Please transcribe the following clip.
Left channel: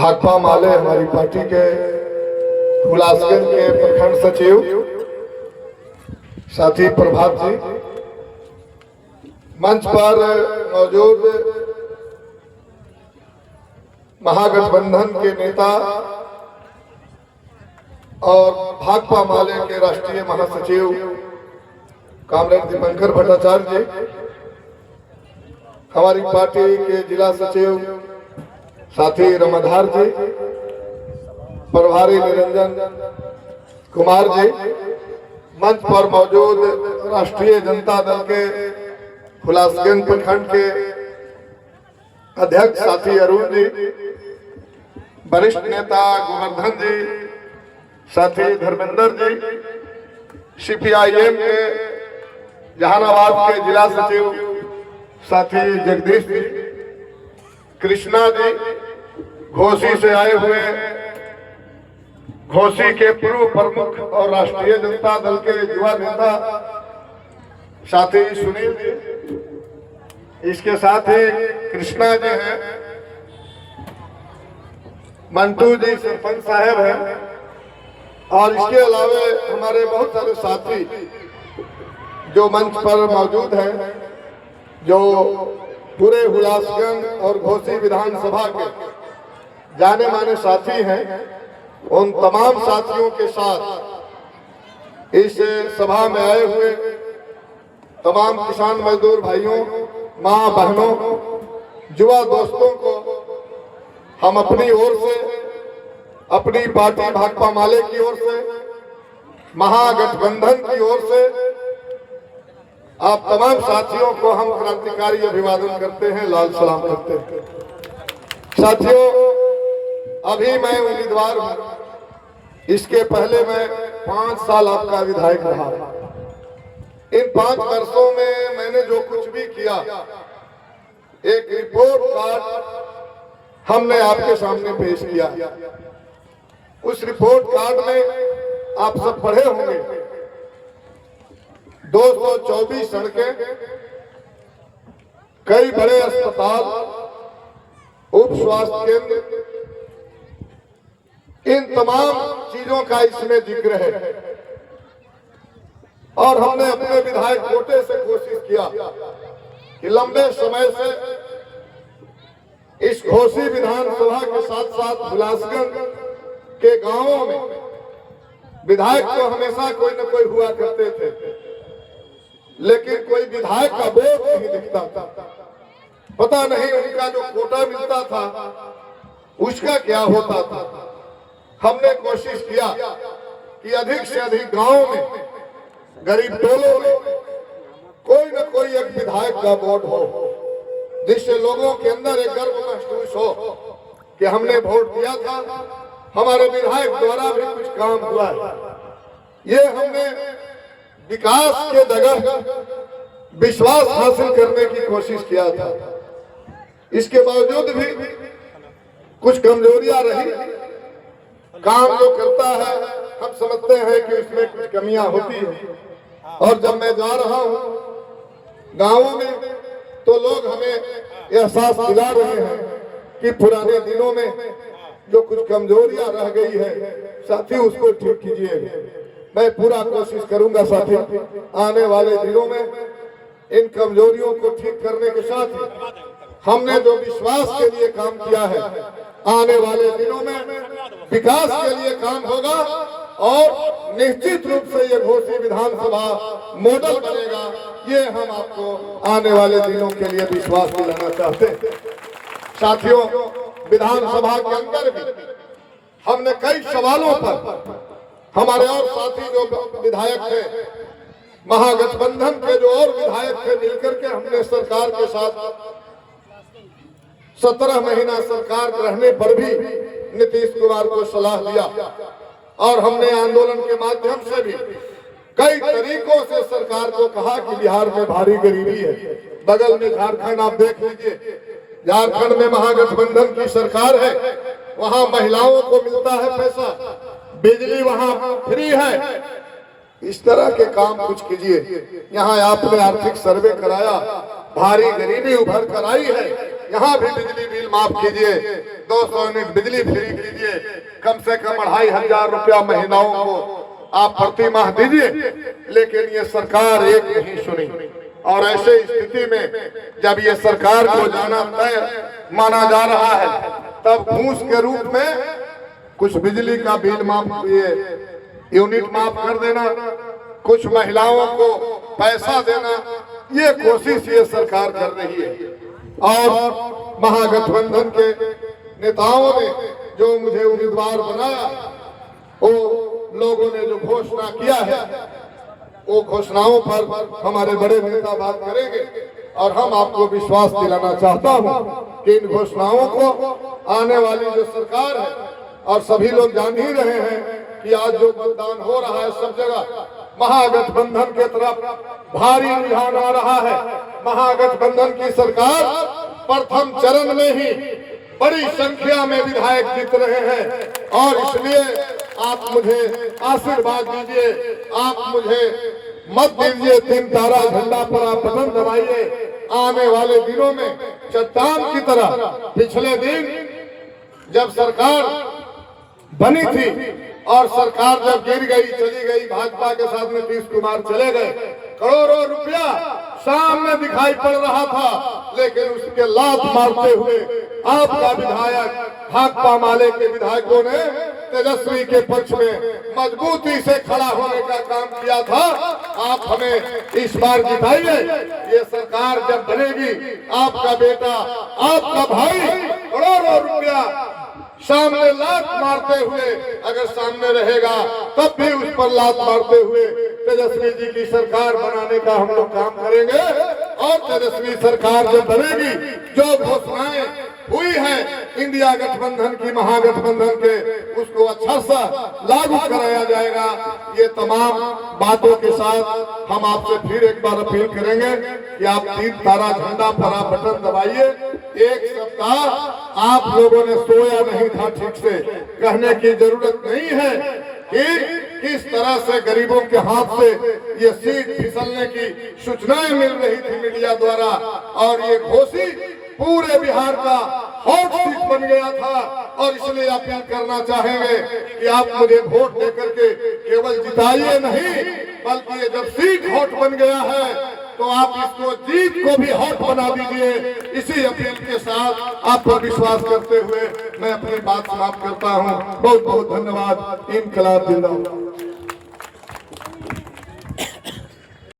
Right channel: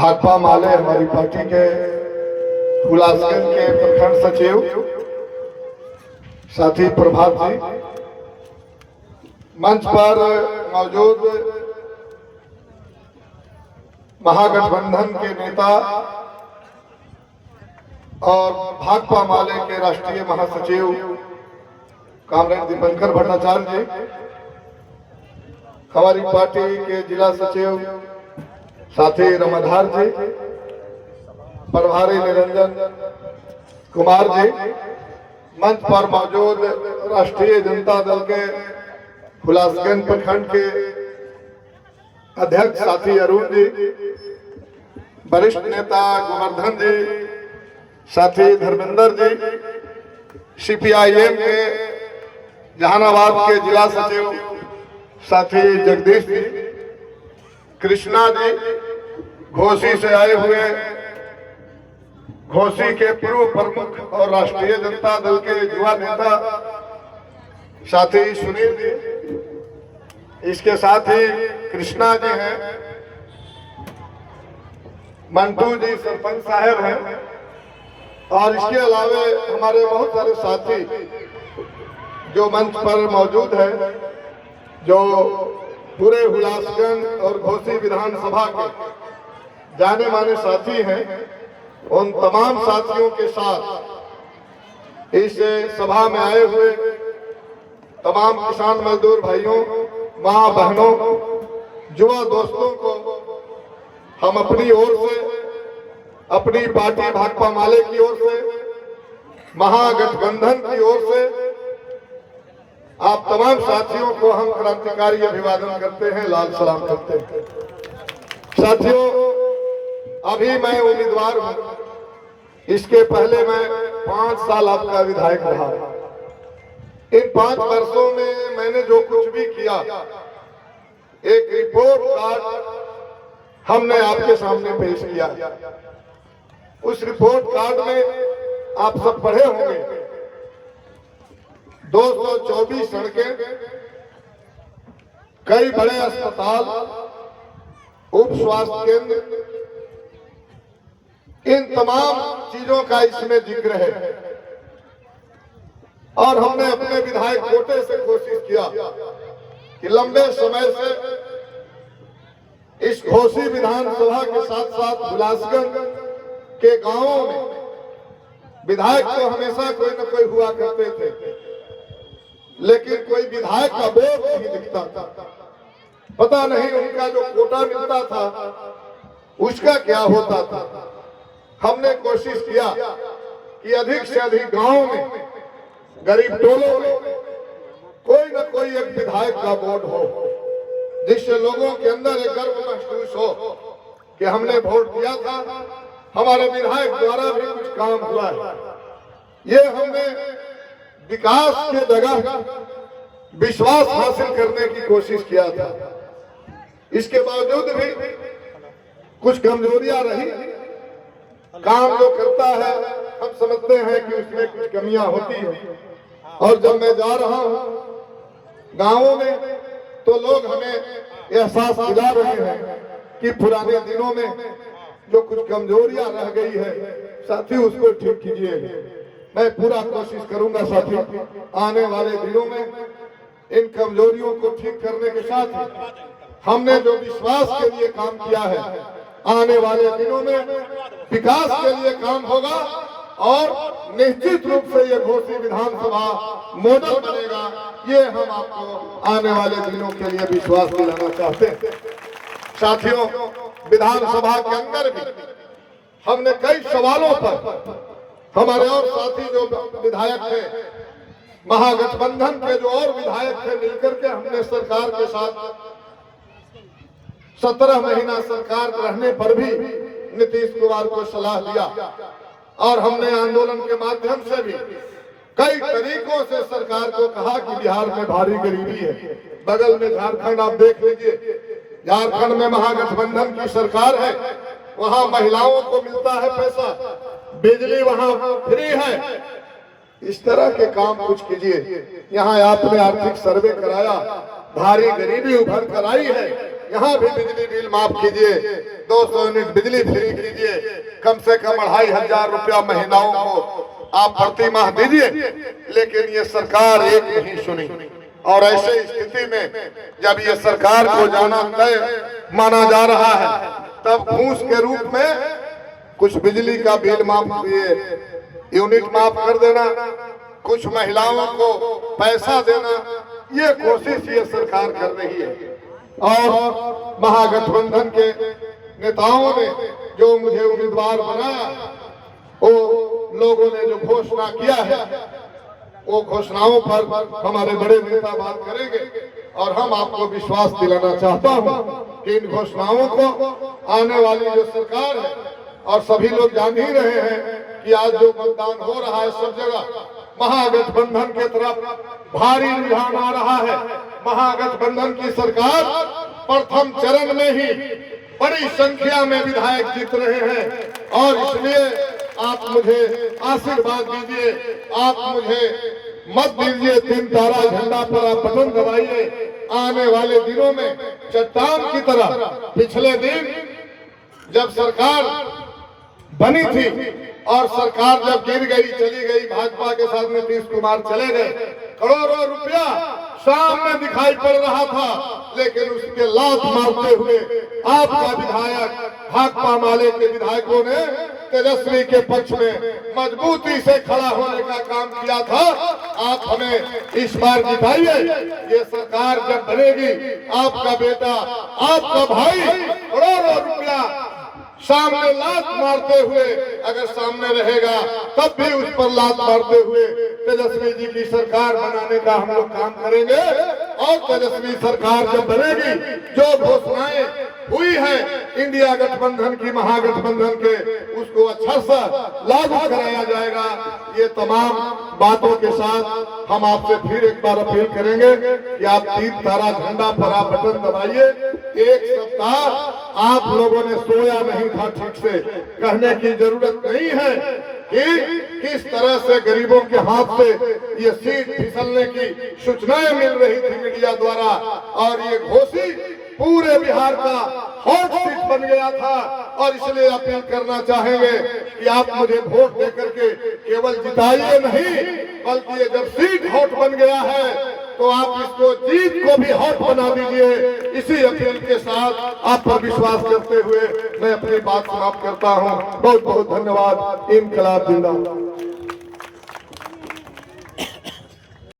भाकपा माले हमारी पार्टी के हुलासगंज के प्रखंड सचिव साथी प्रभात जी, मंच पर मौजूद महागठबंधन के नेता और भाकपा माले के राष्ट्रीय महासचिव कामरेड दीपंकर भट्टाचार्य जी, हमारी पार्टी के जिला सचिव साथी रमाधार जी, प्रभारी निरंजन कुमार जी, मंच पर मौजूद राष्ट्रीय जनता दल के हुलासगंज प्रखंड के अध्यक्ष साथी अरुण जी, वरिष्ठ नेता गोवर्धन जी, साथी धर्मेंद्र जी, सीपीआईएम के जहानाबाद के जिला सचिव साथी जगदीश जी, कृष्णा जी, घोसी से आए हुए घोसी के पूर्व प्रमुख और राष्ट्रीय जनता दल के युवा नेता साथी सुनील जी, इसके साथ ही कृष्णा जी हैं, मंटू जी सरपंच साहब हैं, और इसके अलावा हमारे बहुत सारे साथी जो मंच पर मौजूद हैं, जो पूरे हुलासगंज और घोसी विधानसभा के जाने माने साथी हैं, उन तमाम साथियों के साथ इस सभा में आए हुए तमाम किसान मजदूर भाइयों, मां बहनों, युवा दोस्तों को हम अपनी ओर से, अपनी पार्टी भाकपा माले की ओर से, महागठबंधन की ओर से आप तमाम साथियों को हम क्रांतिकारी अभिवादन करते हैं, लाल सलाम करते हैं। साथियों, अभी मैं उम्मीदवार हूं, इसके पहले मैं 5 साल आपका विधायक रहा। इन 5 वर्षों में मैंने जो कुछ भी किया, एक रिपोर्ट कार्ड हमने आपके सामने पेश किया। उस रिपोर्ट कार्ड में आप सब पढ़े होंगे, 224 सड़कें, कई बड़े अस्पताल, उप स्वास्थ्य केंद्र, इन तमाम चीजों का इसमें जिक्र है। और हमने अपने विधायक कोटे से कोशिश किया कि लंबे समय से इस घोसी विधानसभा के साथ साथ हुलासगंज के गांवों में विधायक तो हमेशा कोई न कोई हुआ करते थे, लेकिन कोई विधायक का वोट नहीं दिखता था। पता नहीं उनका जो कोटा मिलता था उसका क्या होता था। हमने कोशिश किया कि अधिक से अधिक गांवों में, गरीब टोलों में कोई न कोई एक विधायक का वोट हो, जिससे लोगों के अंदर एक गर्व महसूस हो कि हमने वोट दिया था, हमारे विधायक द्वारा भी कुछ काम हुआ है। ये हमने विकास के जगह विश्वास हासिल करने की कोशिश किया था। इसके बावजूद भी कुछ कमजोरियां रही। काम जो करता है हम समझते हैं कि उसमें कुछ कमियां होती है, और जब मैं जा रहा हूं गांवों में तो लोग हमें एहसास दिला रहे हैं कि पुराने दिनों में जो कुछ कमजोरियां रह गई है, साथी उसको ठीक कीजिए। मैं पूरा कोशिश करूंगा साथी, आने वाले दिनों में इन कमजोरियों को ठीक करने के साथ ही हमने जो विश्वास के लिए काम किया है, आने वाले दिनों में विकास के लिए काम होगा, और निश्चित रूप से ये घोसी विधानसभा मॉडल बनेगा। ये हम आपको आने वाले दिनों के लिए विश्वास दिलाना चाहते हैं। साथियों, विधानसभा के अंदर भी हमने कई सवालों पर हमारे और साथी जो विधायक थे, महागठबंधन के जो और विधायक थे, मिलकर के हमने सरकार के साथ 17 महीना सरकार रहने पर भी नीतीश कुमार को सलाह दिया, और हमने आंदोलन के माध्यम से भी कई तरीकों से सरकार को कहा कि बिहार में भारी गरीबी है। बगल में झारखंड आप देख लीजिए, झारखंड में महागठबंधन की सरकार है, वहां महिलाओं को मिलता है पैसा, बिजली वहां फ्री है। इस तरह के काम कुछ कीजिए। यहाँ आपने आर्थिक सर्वे कराया, भारी गरीबी उभर कर आई है, यहाँ भी बिजली बिल माफ कीजिए, 200 यूनिट बिजली फ्री कीजिए, कम से कम 2500 रुपया महिलाओं को आप प्रति माह दीजिए। लेकिन ये सरकार एक नहीं सुनी, और ऐसे स्थिति में जब ये सरकार को जाना तय माना जा रहा है, तब घूस के रूप में कुछ बिजली का बिल माफ यूनिट माफ कर देना, कुछ महिलाओं को पैसा देना, ये कोशिश ये सरकार कर रही है। और महागठबंधन के नेताओं ने जो मुझे उम्मीदवार बनाया, वो लोगों ने जो घोषणा किया है, वो घोषणाओं पर हमारे बड़े नेता बात करेंगे। और हम आपको विश्वास दिलाना चाहता हूं कि इन घोषणाओं को आने वाली जो सरकार है, और सभी लोग जान ही रहे हैं कि आज जो मतदान हो रहा है सब जगह महागठबंधन के तरफ भारी रुझान आ रहा है। महागठबंधन की सरकार प्रथम चरण में ही बड़ी संख्या में विधायक जीत रहे हैं, और इसलिए आप मुझे आशीर्वाद दीजिए, आप मुझे मत दीजिए, 3 तारा झंडा पर आप बटन दबाइए। आने वाले दिनों में चट्टान की तरह, पिछले दिन जब सरकार बनी थी और सरकार जब गिर गई, चली गई, भाजपा के साथ नीतीश कुमार चले गए, करोड़ों रुपया सामने दिखाई पड़ रहा था, लेकिन उसके लात मारते हुए आपका विधायक, भाकपा माले के विधायकों ने तेजस्वी के पक्ष में मजबूती से खड़ा होने का काम किया था। आप हमें इस बार जिताइए। ये सरकार जब बनेगी, आपका बेटा, आपका भाई करोड़ों रुपया सामने लात मारते हुए अगर सामने रहेगा, तब भी उस पर लात मारते हुए तेजस्वी जी की सरकार बनाने का हम लोग काम करेंगे। और तेजस्वी सरकार जब बनेगी, जो घोषणाएं हुई हैं इंडिया गठबंधन की, महागठबंधन के, उसको अच्छा सा लागू कराया जाएगा। ये तमाम बातों के साथ हम आपसे फिर एक बार अपील करेंगे कि आप 3 तारा झंडा पर आप बटन दबाइए। एक सप्ताह आप लोगों ने सोया नहीं था ठीक से, कहने की जरूरत नहीं है कि किस तरह से गरीबों के हाथ से ये सीट फिसलने की सूचनाएं मिल रही थी मीडिया द्वारा, और ये घोषित पूरे बिहार का हॉट सीट बन गया था। और इसलिए अपील करना चाहेंगे कि आप मुझे वोट देकर के केवल जिताइए नहीं, बल्कि जब सीट हॉट बन गया है तो आप इसको जीत को भी हॉट बना दीजिए। इसी अपील के साथ आप पर विश्वास करते हुए मैं अपनी बात समाप्त करता हूं। बहुत बहुत धन्यवाद। इनकलाब जिंदाबाद।